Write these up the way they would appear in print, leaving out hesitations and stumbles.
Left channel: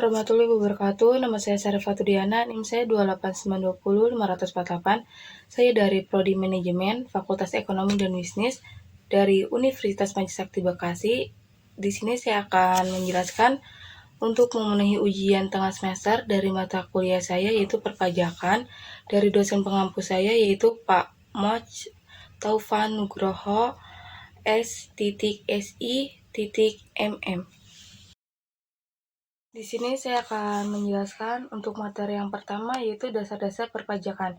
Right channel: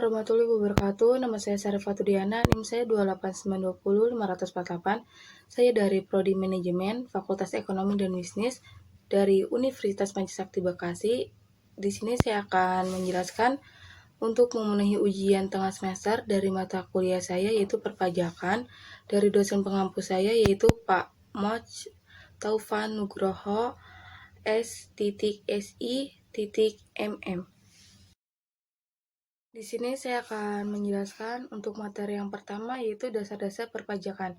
warahmatullahi wabarakatuh. Nama saya Sarifatudiana, NIM saya 28920 548. Saya dari Prodi Manajemen, Fakultas Ekonomi dan Bisnis dari Universitas Pancasakti Bekasi. Di sini saya akan menjelaskan untuk memenuhi ujian tengah semester dari mata kuliah saya yaitu perpajakan dari dosen pengampu saya yaitu Pak Moj Taufan Nugroho S.Si.MM. Di sini saya akan menjelaskan untuk materi yang pertama yaitu dasar-dasar perpajakan.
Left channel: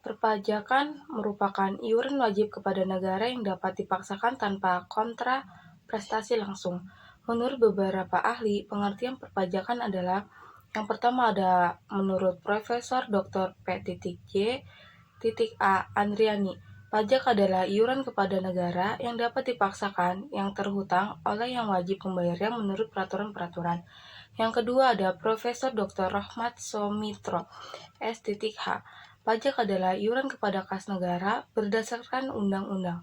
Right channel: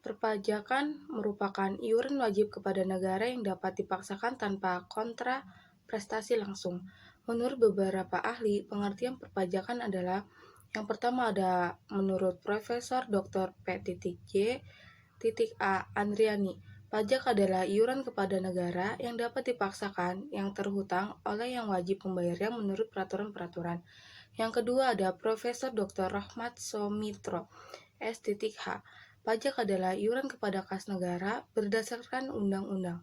Perpajakan merupakan iuran wajib kepada negara yang dapat dipaksakan tanpa kontra prestasi langsung. Menurut beberapa ahli, pengertian perpajakan adalah yang pertama ada menurut Profesor Dr. P.J.A. Andriani. Pajak adalah iuran kepada negara yang dapat dipaksakan yang terhutang oleh yang wajib membayarnya menurut peraturan-peraturan. Yang kedua ada Profesor Dr. Rahmat Somitro, S.H. Pajak adalah iuran kepada kas negara berdasarkan undang-undang.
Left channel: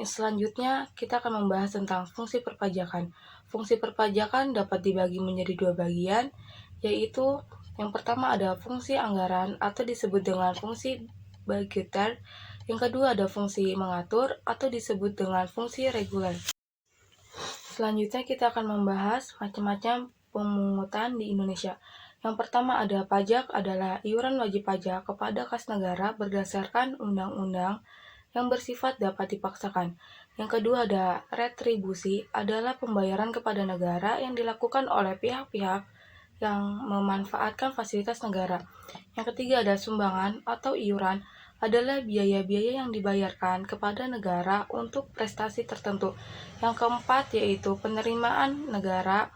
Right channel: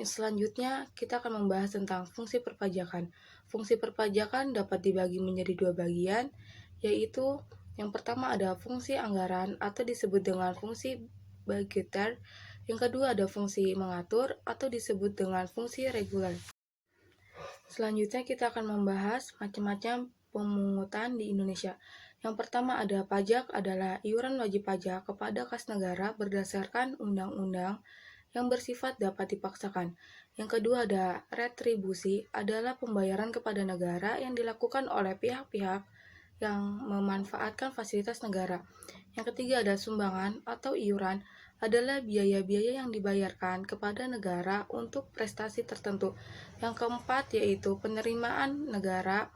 Selanjutnya, kita akan membahas tentang fungsi perpajakan. Fungsi perpajakan dapat dibagi menjadi dua bagian, yaitu yang pertama ada fungsi anggaran atau disebut dengan fungsi budgeter. Yang kedua ada fungsi mengatur atau disebut dengan fungsi reguler. Selanjutnya kita akan membahas macam-macam pemungutan di Indonesia. Yang pertama ada pajak adalah iuran wajib pajak kepada kas negara berdasarkan undang-undang yang bersifat dapat dipaksakan. Yang kedua ada retribusi adalah pembayaran kepada negara yang dilakukan oleh pihak-pihak yang memanfaatkan fasilitas negara. Yang ketiga ada sumbangan atau iuran adalah biaya-biaya yang dibayarkan kepada negara untuk prestasi tertentu. Yang keempat yaitu penerimaan negara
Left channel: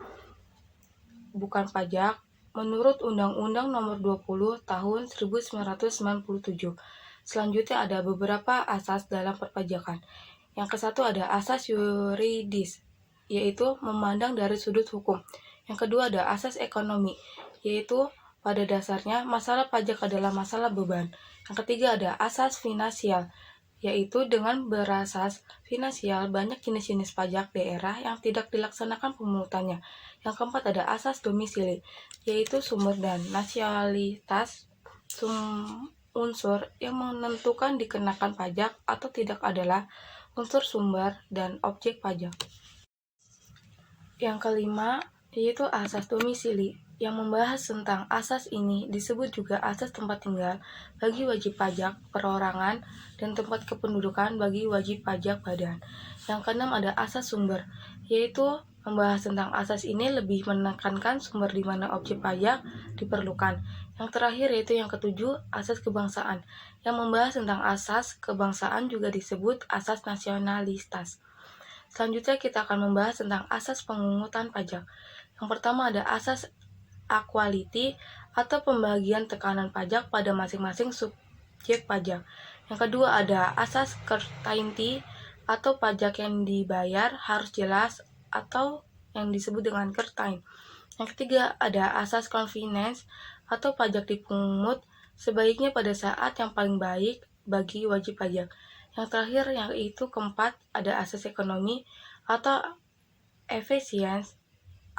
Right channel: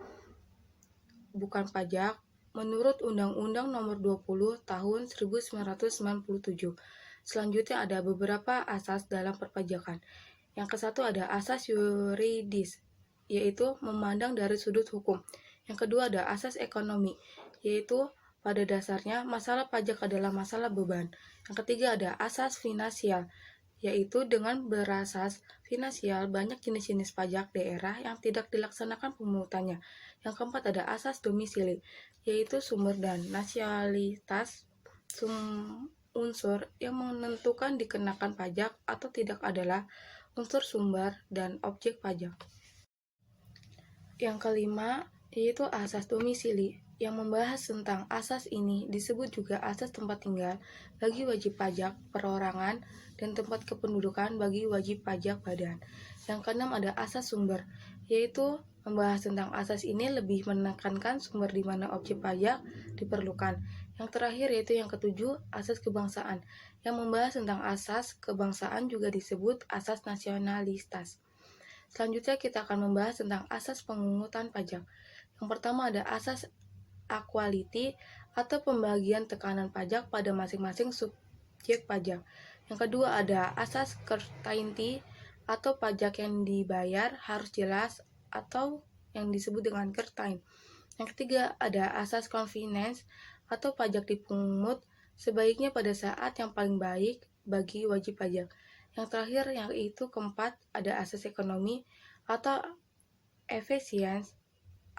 bukan pajak menurut Undang-Undang Nomor 20 Tahun 1997. Selanjutnya ada beberapa asas dalam perpajakan. Yang kesatu ada asas yuridis, yaitu memandang dari sudut hukum. Yang kedua ada asas ekonomi, yaitu pada dasarnya masalah pajak adalah masalah beban. Yang ketiga ada asas finansial, yaitu dengan berasas finansial banyak jenis-jenis pajak daerah yang tidak dilaksanakan pemungutannya. Yang keempat ada asas domisili, yaitu sumber dan nasionalitas unsur yang menentukan dikenakan pajak atau tidak adalah unsur sumber dan objek pajak. Yang kelima yaitu asas domisili. Yang membahas tentang asas ini disebut juga asas tempat tinggal bagi wajib pajak perorangan dan tempat kependudukan bagi wajib pajak badan. Yang keenam ada asas sumber, yaitu membahas tentang asas ini lebih menekankan sumber di mana objek pajak diperlukan. Yang terakhir yaitu yang ketujuh, asas kebangsaan. Yang membahas tentang asas kebangsaan juga disebut asas nasionalitas. Selanjutnya kita akan membahas tentang asas pemungutan pajak. Yang pertama ada asas equality atau pembagian tekanan pajak pada masing-masing subjek pajak. Yang kedua ada asas certainty atau pajak yang dibayar harus jelas atau yang disebut dengan certain. Yang ketiga ada asas convenience atau pajak dipungut sebaiknya pada saat yang paling baik bagi wajib pajak. Yang terakhir yaitu keempat ada asas ekonomi atau efisiensi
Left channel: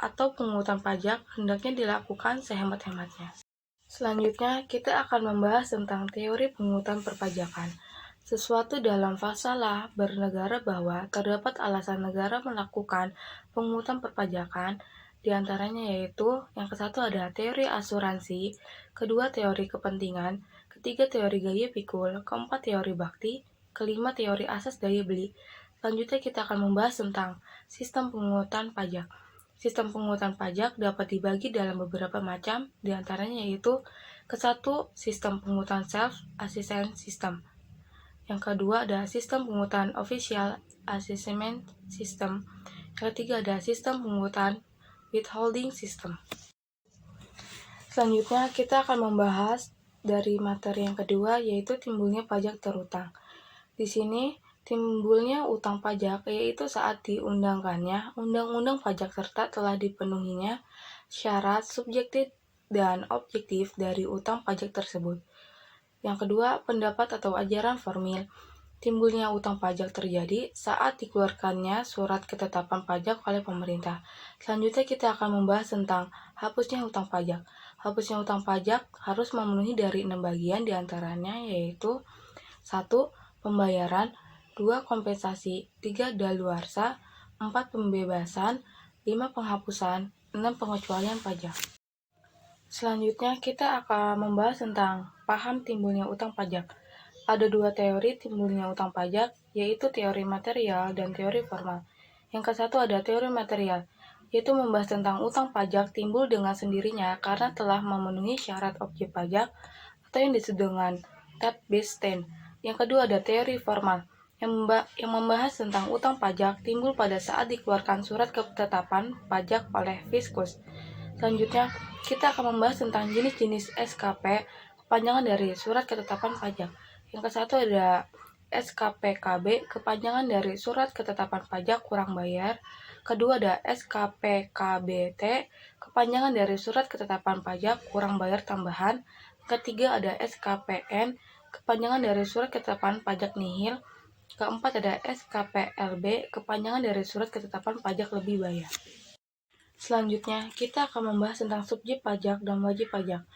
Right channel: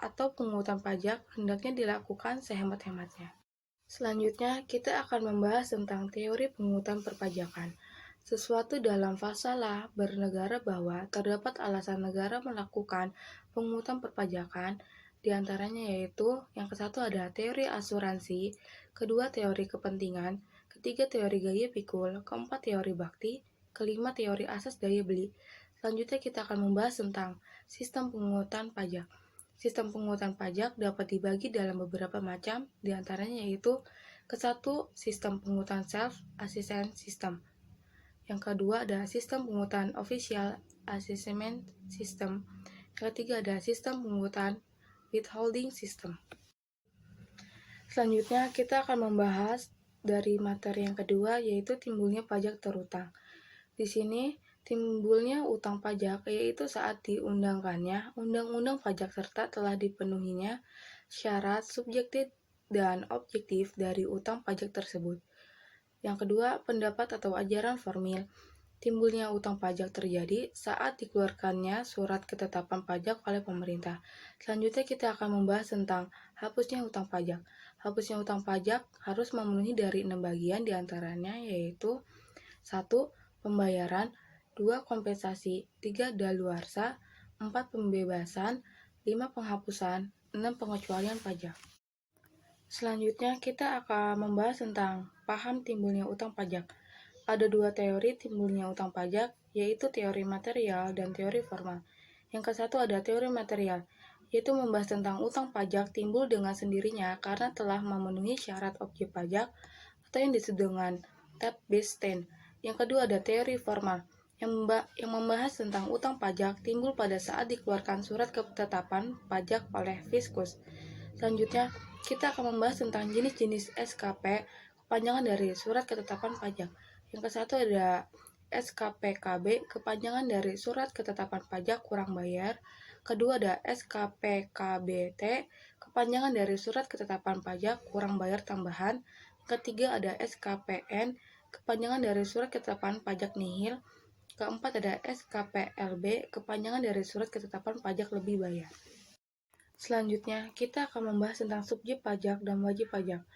atau pungutan pajak hendaknya dilakukan sehemat-hematnya. Selanjutnya kita akan membahas tentang teori pungutan perpajakan. Sesuatu dalam fasalah bernegara bahwa terdapat alasan negara melakukan pungutan perpajakan, diantaranya yaitu yang kesatu ada teori asuransi, kedua teori kepentingan, ketiga teori gaya pikul, keempat teori bakti, kelima teori asas daya beli. Selanjutnya kita akan membahas tentang sistem pungutan pajak. Sistem pungutan pajak dapat dibagi dalam beberapa macam, diantaranya yaitu kesatu sistem pungutan self-assessment system. Yang kedua ada sistem pungutan official assessment system. Yang ketiga ada sistem pungutan withholding system. Selanjutnya kita akan membahas dari materi yang kedua yaitu timbulnya pajak terutang. Di sini timbulnya utang pajak yaitu saat diundangkannya undang-undang pajak serta telah dipenuhinya syarat subjektif dan objektif dari utang pajak tersebut. Yang kedua, pendapat atau ajaran formil. Timbulnya utang pajak terjadi saat dikeluarkannya surat ketetapan pajak oleh pemerintah. Selanjutnya kita akan membahas tentang hapusnya utang pajak. Hapusnya utang pajak harus memenuhi dari 6 bagian diantaranya yaitu 1. Pembayaran, 2. Kompensasi, 3. Daluarsa, 4. Pembebasan, 5. Penghapusan, 6. Pengecualian pajak. Selanjutnya kita akan membahas tentang paham timbulnya utang pajak. Ada dua teori timbulnya utang pajak, yaitu teori material dan teori formal. Yang ke satu ada teori material, yaitu membahas tentang utang pajak timbul dengan sendirinya karena telah memenuhi syarat objek pajak atau yang disebut dengan tap-based stand. Yang kedua ada teori formal, yang membahas tentang utang pajak timbul pada saat dikeluarkan surat ketetapan pajak oleh Fiskus. Selanjutnya, kita akan membahas tentang jenis-jenis SKP, kepanjangan dari surat ketetapan pajak. Yang ke satu ada SKPKB, kepanjangan dari surat ketetapan pajak kurang bayar. Kedua ada SKPKBT, kepanjangan dari surat ketetapan pajak kurang bayar tambahan. Ketiga ada SKPN, kepanjangan dari surat ketetapan pajak nihil. Keempat ada SKPLB, kepanjangan dari surat ketetapan pajak lebih bayar. Selanjutnya, kita akan membahas tentang subjek pajak dan wajib pajak.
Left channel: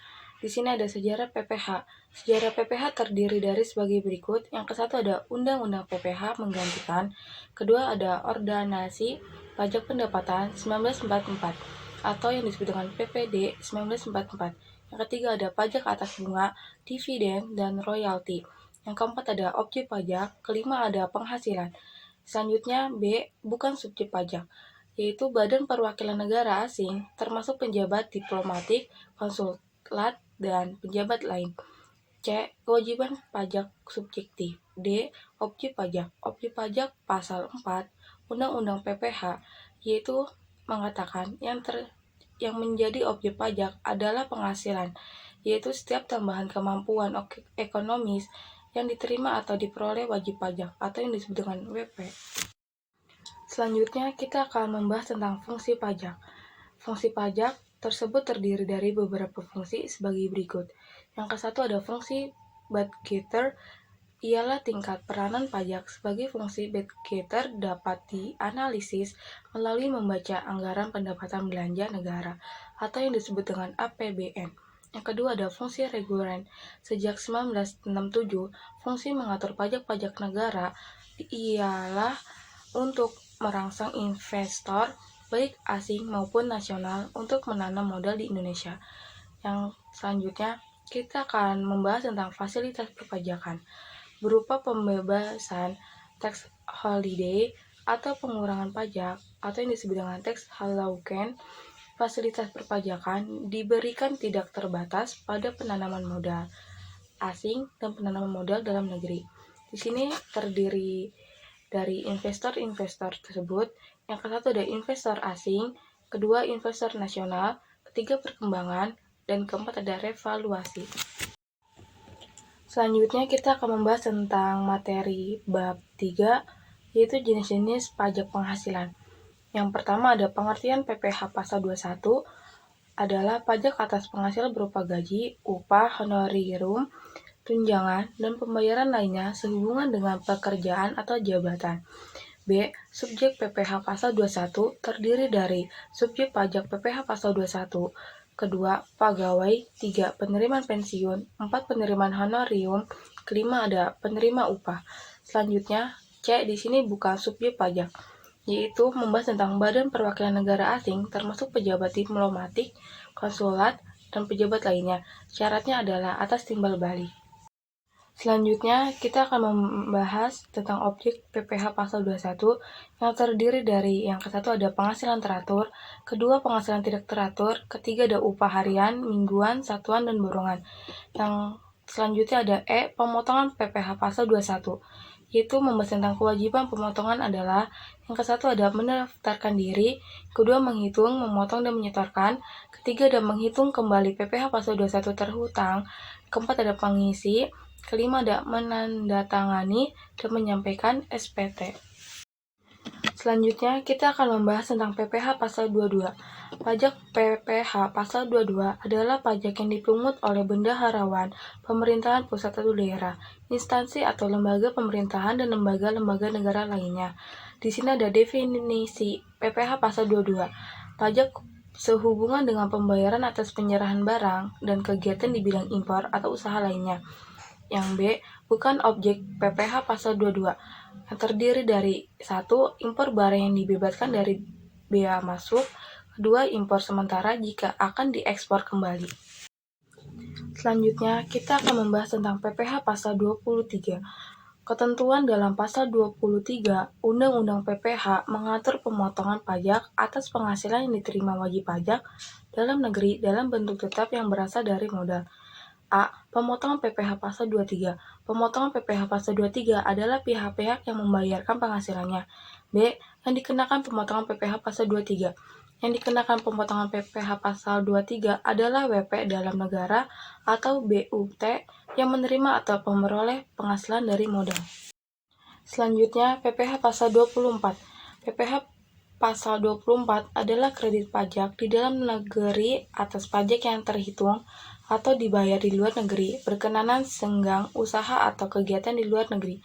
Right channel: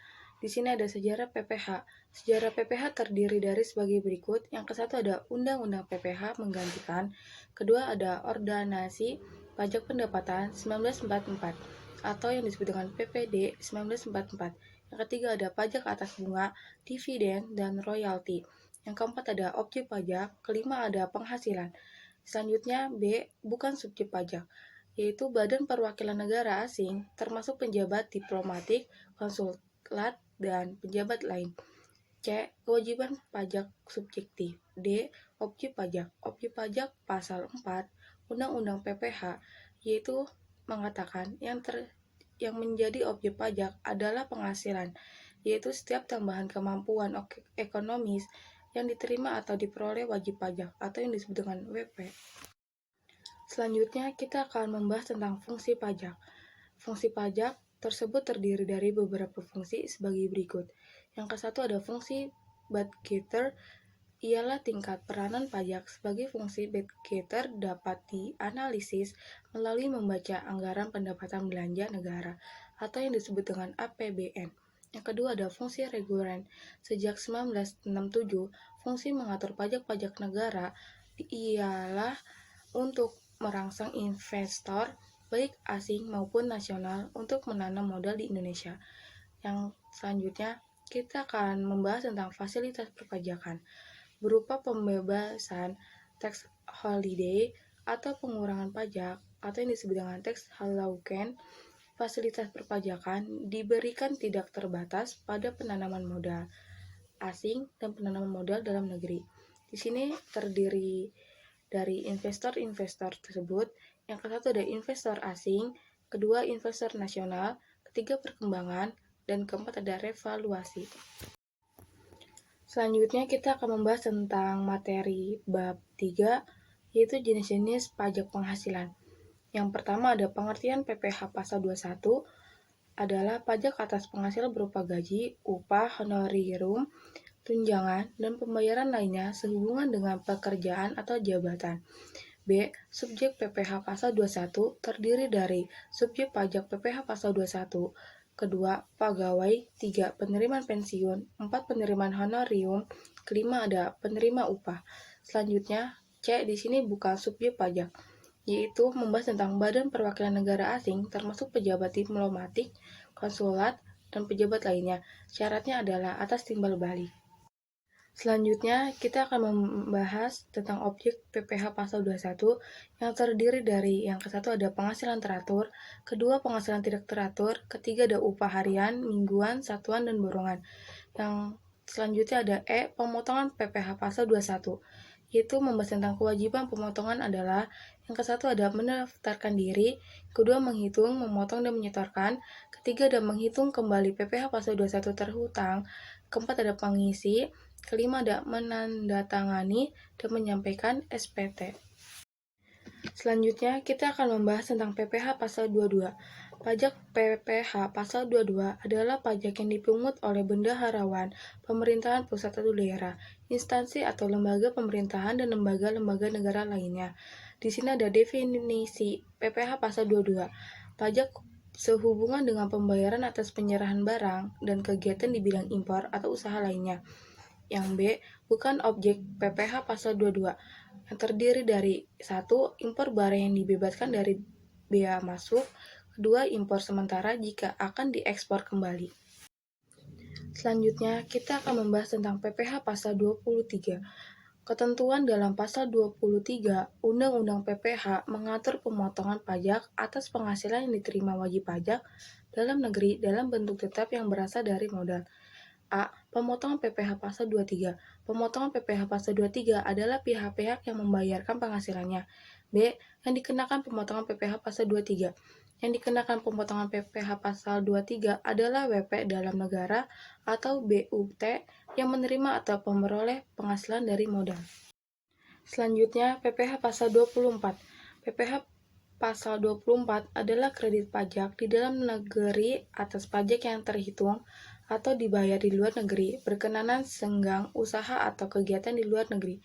Di sini ada sejarah PPH. Sejarah PPH terdiri dari sebagai berikut. Yang ke satu ada Undang-Undang PPH menggantikan. Kedua ada Ordonansi Pajak Pendapatan 1944 atau yang disebut dengan PPD 1944. Yang ketiga ada pajak atas bunga, dividen, dan royalti. Yang keempat ada objek pajak. Kelima ada penghasilan. Selanjutnya B. Bukan subjek pajak, yaitu Badan Perwakilan Negara Asing, termasuk penjabat diplomatik, konsulat, dan pejabat lain. C. Kewajiban pajak subjektif. D. Objek pajak. Objek pajak pasal 4 Undang-Undang PPH, yaitu mengatakan yang menjadi objek pajak adalah penghasilan, yaitu setiap tambahan kemampuan ekonomis yang diterima atau diperoleh wajib pajak atau yang disebut dengan WP. Selanjutnya, kita akan membahas tentang fungsi pajak. Fungsi pajak tersebut terdiri dari beberapa fungsi sebagai berikut. Yang ke satu ada fungsi budgeter, ialah tingkat peranan pajak. Sebagai fungsi budgeter dapat dianalisis melalui membaca anggaran pendapatan belanja negara atau yang disebut dengan APBN. Yang kedua ada fungsi reguler. Sejak 1967, fungsi mengatur pajak-pajak negara ialah untuk merangsang investor baik asing maupun nasional untuk menanam modal di Indonesia. Yang selanjutnya, kita akan membahas tentang fasilitas perpajakan berupa pembebasan tax holiday atau pengurangan pajak atau yang disebut dengan tax allowance. Fasilitas perpajakan diberikan tidak terbatas pada penanaman modal asing dan penanaman modal dalam negeri. Di sini terdiri dari investor-investor tersebut. Yang ke satu ada investor asing, kedua investor nasional, ketiga perkembangan, dan keempat ada revaluasi. Selanjutnya kita akan membahas tentang materi bab 3, yaitu jenis-jenis pajak penghasilan. Yang pertama ada pengertian PPH pasal 21 adalah pajak atas penghasilan berupa gaji, upah, honorarium, tunjangan, dan pembayaran lainnya sehubungan dengan pekerjaan atau jabatan. B. Subjek PPH pasal 21 terdiri dari subjek pajak PPH pasal 21, kedua pegawai, 3. Penerimaan pensiun, 4. Penerimaan honorarium, kelima ada penerima upah. Selanjutnya C. Di sini bukan subjek pajak, yaitu membahas tentang Badan Perwakilan Negara Asing termasuk pejabat diplomatik, konsulat, dan pejabat lainnya. Syaratnya adalah atas timbal balik. Selanjutnya, kita akan membahas tentang objek PPH pasal 21 yang terdiri dari yang ke satu ada penghasilan teratur, kedua penghasilan tidak teratur, ketiga ada upah harian, mingguan, satuan, dan borongan. Yang selanjutnya ada E, pemotongan PPH pasal 21, yaitu membahas tentang kewajiban pemotongan adalah yang ke satu ada mendaftarkan diri, kedua menghitung, memotong, dan menyetorkan, ketiga ada menghitung kembali PPH pasal 21 terhutang, keempat ada pengisi, kelima ada menandatangani dan menyampaikan SPT. Selanjutnya kita akan membahas tentang PPH pasal 22. Pajak PPh Pasal 22 adalah pajak yang dipungut oleh bendaharawan, pemerintahan pusat atau daerah, instansi atau lembaga pemerintahan dan lembaga-lembaga negara lainnya. Di sini ada definisi PPh Pasal 22. Pajak sehubungan dengan pembayaran atas penyerahan barang dan kegiatan di bidang impor atau usaha lainnya. Yang B, bukan objek PPh Pasal 22, yang terdiri dari 1. Impor barang yang dibebaskan dari bea masuk. 2. Impor sementara jika akan diekspor kembali. Selanjutnya, kita akan membahas tentang PPh Pasal 23. Ketentuan dalam Pasal 23 Undang-Undang PPh mengatur pemotongan pajak atas penghasilan yang diterima wajib pajak dalam negeri dalam bentuk tetap yang berasal dari modal. A. Pemotongan PPh Pasal 23. Pemotongan PPh Pasal 23 adalah pihak-pihak yang membayarkan penghasilannya. B. Yang dikenakan pemotongan PPh Pasal 23. Yang dikenakan pemotongan PPh Pasal 23 adalah WP dalam negara atau BUT yang menerima atau memperoleh penghasilan dari modal. Selanjutnya, PPh Pasal 24. PPh Pasal 24 adalah kredit pajak di dalam negeri atas pajak yang terhitung atau dibayar di luar negeri berkenanan senggang usaha atau kegiatan di luar negeri.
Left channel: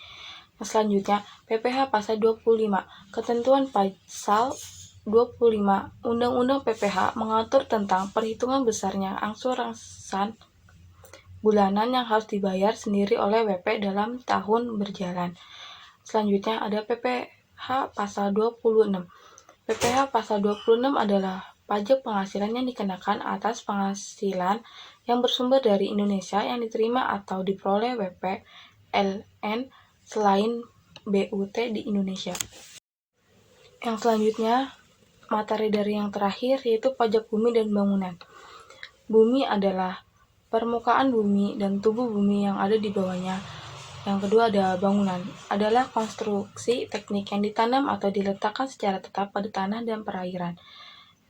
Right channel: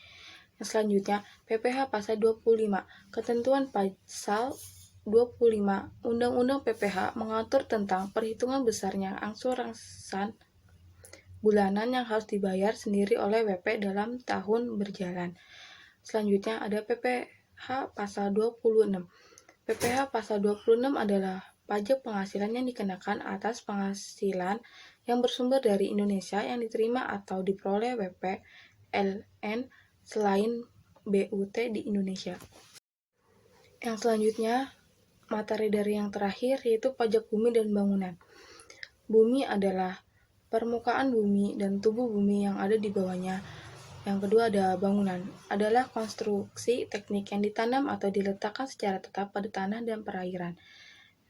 Yang selanjutnya, PPh Pasal 25. Ketentuan Pasal 25 Undang-Undang PPh mengatur tentang perhitungan besarnya angsuran bulanan yang harus dibayar sendiri oleh WP dalam tahun berjalan. Selanjutnya ada PPh Pasal 26. PPh Pasal 26 adalah pajak penghasilan yang dikenakan atas penghasilan yang bersumber dari Indonesia yang diterima atau diperoleh WP LN selain BUT di Indonesia. Yang selanjutnya, materi dari yang terakhir yaitu pajak bumi dan bangunan. Bumi adalah permukaan bumi dan tubuh bumi yang ada di bawahnya. Yang kedua ada bangunan, adalah konstruksi teknik yang ditanam atau diletakkan secara tetap pada tanah dan perairan.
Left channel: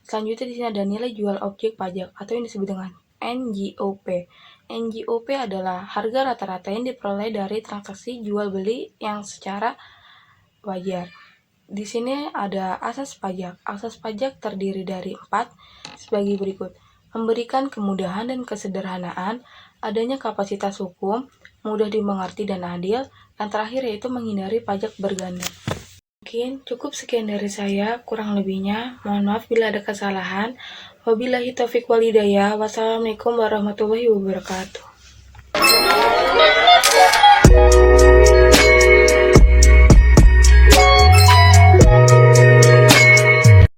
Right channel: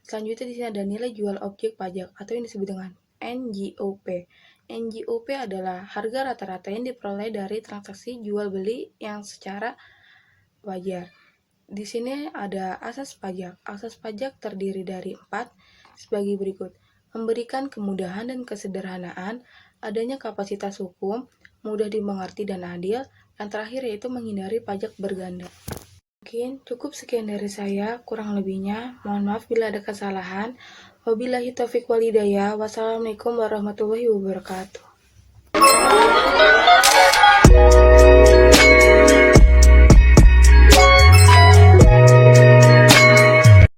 Selanjutnya di sini ada nilai jual objek pajak atau yang disebut dengan NJOP. NJOP adalah harga rata-rata yang diperoleh dari transaksi jual beli yang secara wajar. Di sini ada asas pajak. Asas pajak terdiri dari 4 sebagai berikut. Memberikan kemudahan dan kesederhanaan, adanya kapasitas hukum, mudah dimengerti dan adil, yang terakhir yaitu menghindari pajak berganda. Mungkin cukup sekian dari saya, kurang lebihnya mohon maaf bila ada kesalahan. Wabillahi taufiq wal hidayah. Wassalamualaikum warahmatullahi wabarakatuh.